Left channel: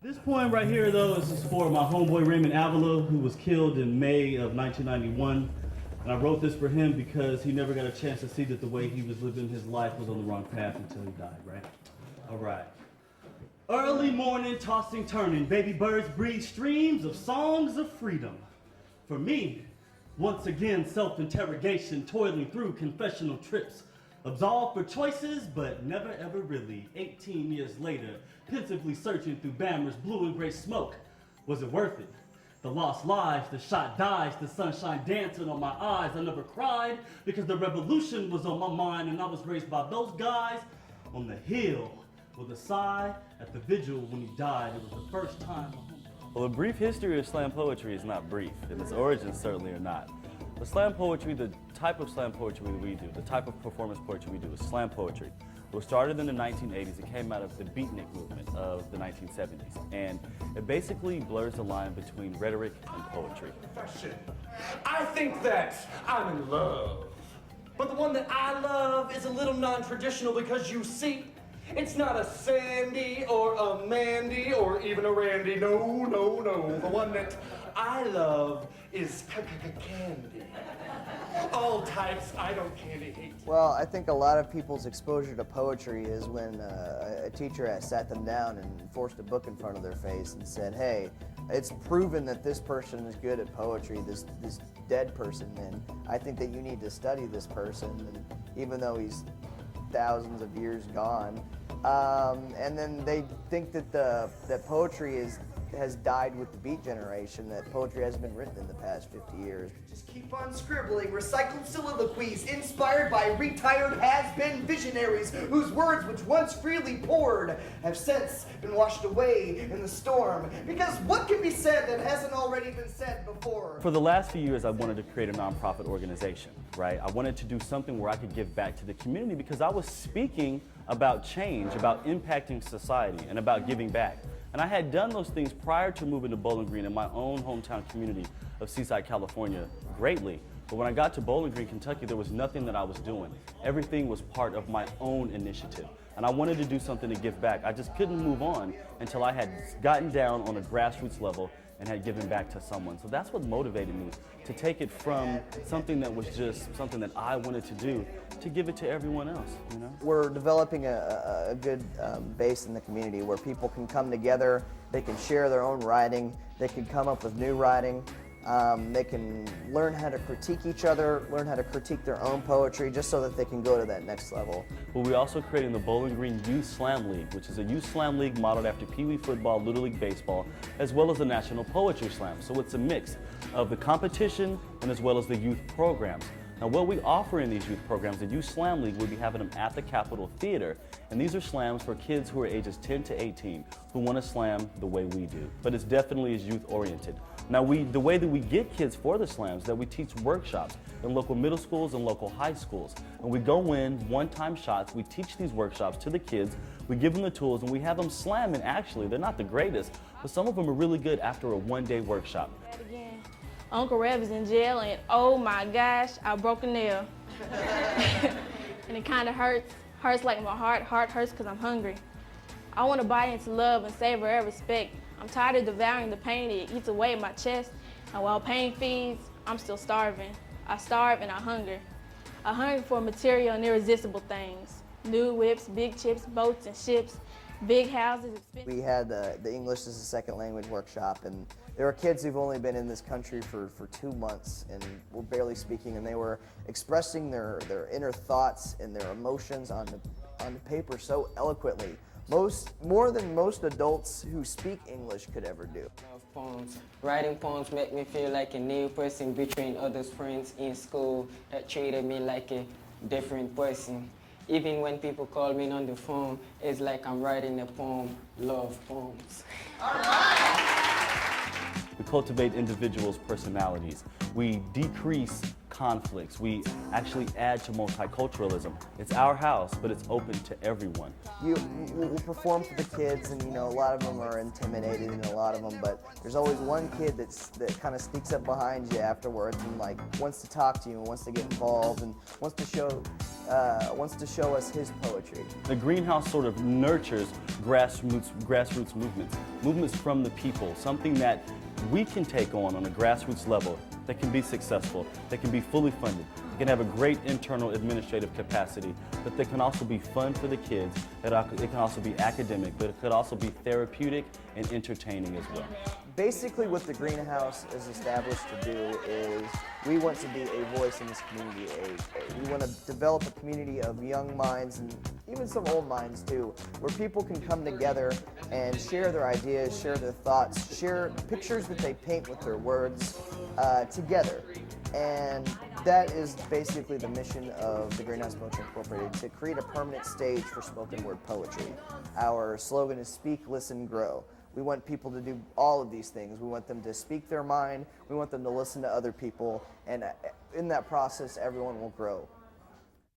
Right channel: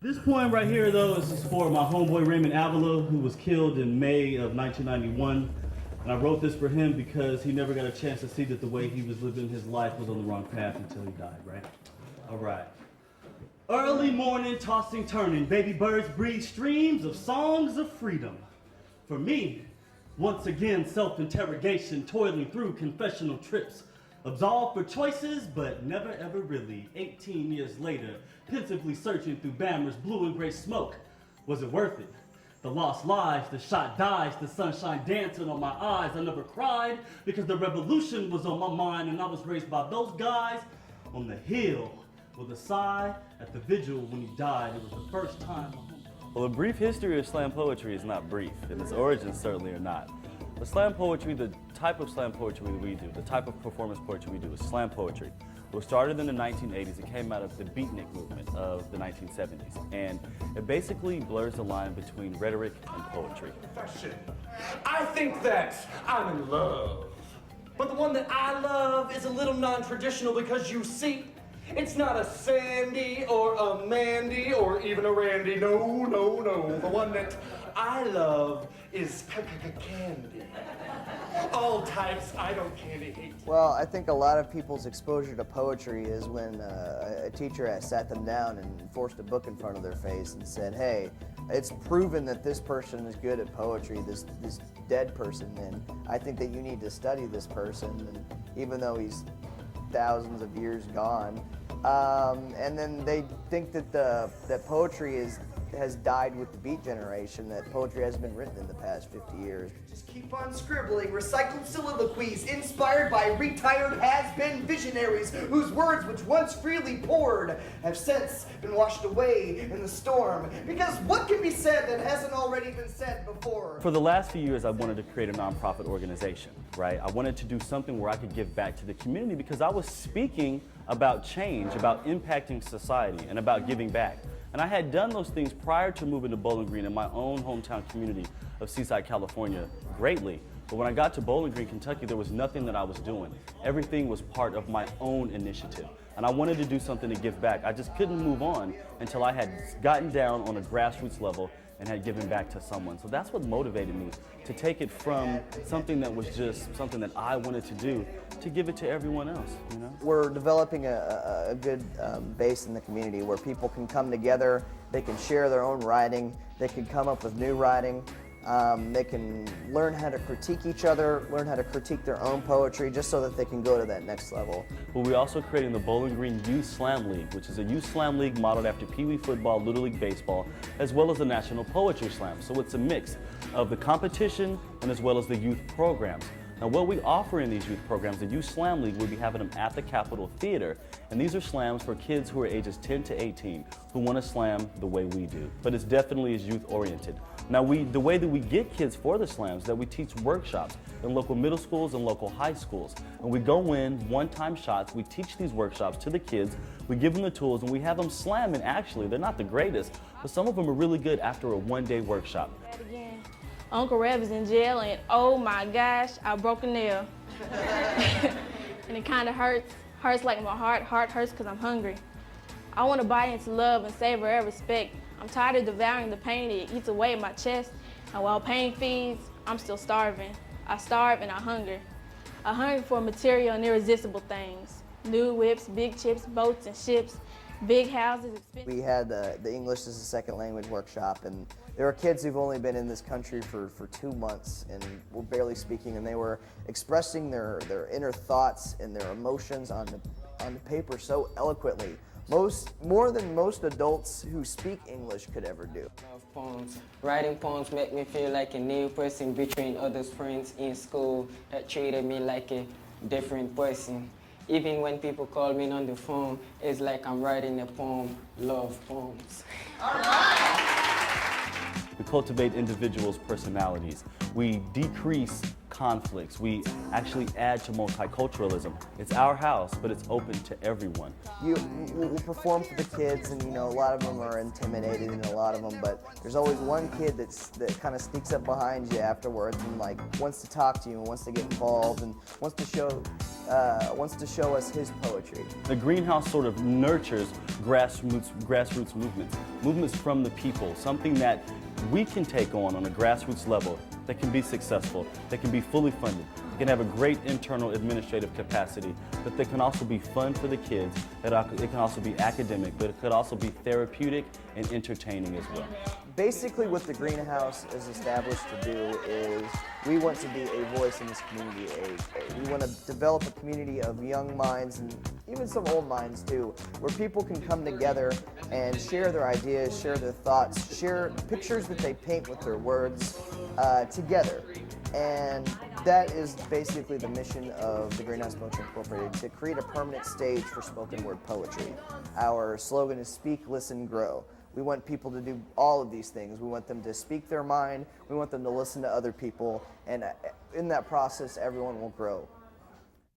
This poem right here, though, is for my homeboy Raymond Avila, who was killed in May of 1991. And I wrote this for him because he never got a chance to see that the way he was living his life was on the wrong path until he died, right? All right. Early morning, tossing, turning, baby birds breathe streams of songs of freedom. For me, once again, self-interrogation, toiling through confessional trips. Absolved for choices, but never ever really. 18 years later, pensively searching through Bammer's blue and gray smoke. Was it worth it? The lost lives, the shot dies, the sunshine dancing on my eyes. I never cried because the revolution was on my mind, and I was raised by those guys on the hill with a sigh at the vigil when he died. It was the first time. Well, a brief history of slam poetry is not brief, and its origins certainly are not. The slam poetry, the type of slam poetry we do, the type of performance poetry we do is slam poetry. It was started in the 1980s. It came out of the beatnik movement of the 1970s. And it basically blurs the line between rhetoric and poetry. I think that I'm in love. But the one that I love is a little non-traditional because you see, it's not a Sandy or a Mandy or even a Randy. No. The one that I love is candy. All types, I don't candy hate. Well, I think a lot of people's exposure to poetry is when a teacher has sat them down and forced a book in front of their face and said, hey, it's proven that this person is good at poetry, this dead person, and I think that you need to study this person, and even though he's thousands of years gone. And then they think that that poetry has died with the beat generation, that poetry hasn't been written in the past 50 years. Just keep on scribbling, recycled soliloquies inspired by retired has-been visionaries whose words which once freely poured have since been washed away in the storm. Because what can be said that hasn't already been said before? For the last few years, I wanted to create a nonprofit organization, right? I wanted to do something where I could give back to the community because I was speaking about change, about impacting society, and about giving back. And I had done those things prior to moving to Bowling Green in my own hometown community of Seaside, California, greatly. But when I got to Bowling Green, Kentucky, there was nothing that I was doing. Everything was part of my own initiative. And I wanted to do something to give back. I just couldn't move on until I had gotten down on a grassroots level and had given back to someone. So that's what motivated me to take it from something that was just something that I wanted to do to give it to everyone else, you know? We're developing a good base in the community where people can come together, they can share their own writing, they can come up with new writing, they can learn how to critique each other, learn how to critique their own poetry just so that they can go to that next level. But we're also creating the Bowling Green Youth Slam League, which is a youth slam league modeled after Pee Wee football, Little League baseball, as well as the National Poetry Slam. So it's a mix of the competition and as well as the youth programs. Now, what we offer in these youth programs, the Youth Slam League, we'll be having them at the Capitol Theater. And these are slams for kids who are ages 10 to 18 who want to slam the way we do. But it's definitely is youth-oriented. Now, the way that we get kids for the slams, that we teach workshops in local middle schools and local high schools. And we go in, one-time shots, we teach these workshops to the kids, we give them the tools, and we have them slam. And actually, they're not the greatest, but some of them are really good after a one-day workshop. Uncle Rev is in jail, and oh my gosh, I broke a nail. And it kind of hurts like my heart hurts because I'm hungry. I want to bite into love and savor and respect. I'm tired of devouring the pain that eats away at my chest, and while pain feeds, I'm still starving. I starve and I hunger. I hunger for material and irresistible things. New whips, big chips, boats and ships, big houses. We had the English as a second language workshop, and there are kids who've only been in this country for 2 months and were barely speaking, and they were expressing their inner thoughts and their emotions on the paper so eloquently, more than most adults who speak English could ever do. Poems. Writing poems make me feel like a new person between other friends in school that treated me like a different person. Even when people call me on the phone, it's like I'm writing a poem, love poems. We cultivate individuals' personalities. We decrease conflicts. We actually add to multiculturalism. It's our house, but it's open to everyone. You perform for the kids, and a lot of them are intimidated, and a lot of them, but there's always one kid that kind of sneaks up behind you afterwards and like wants to talk to you and wants to get involved and wants to show us his poetry. The greenhouse sort of nurtures grassroots movements from the people, something that we can take on a grassroots level that can be successful, that can be fully funded, that can have a great internal administrative capacity, but that can also be fun for the kids, it can also be academic, but it could also be therapeutic and entertaining as well. Basically what the greenhouse is established to do is we want to be a voice in this community. We want to develop a community of young minds and even some old minds too, where people can come together and share their ideas, share their thoughts, share pictures that they paint with their words together. And that is basically the mission of the Greenhouse Poetry Incorporated, to create a permanent stage for spoken word poetry. Our slogan is speak, listen, grow. We want people to do all of these things. We want them to speak their mind. We want them to listen to other people. And in that process, everyone will grow.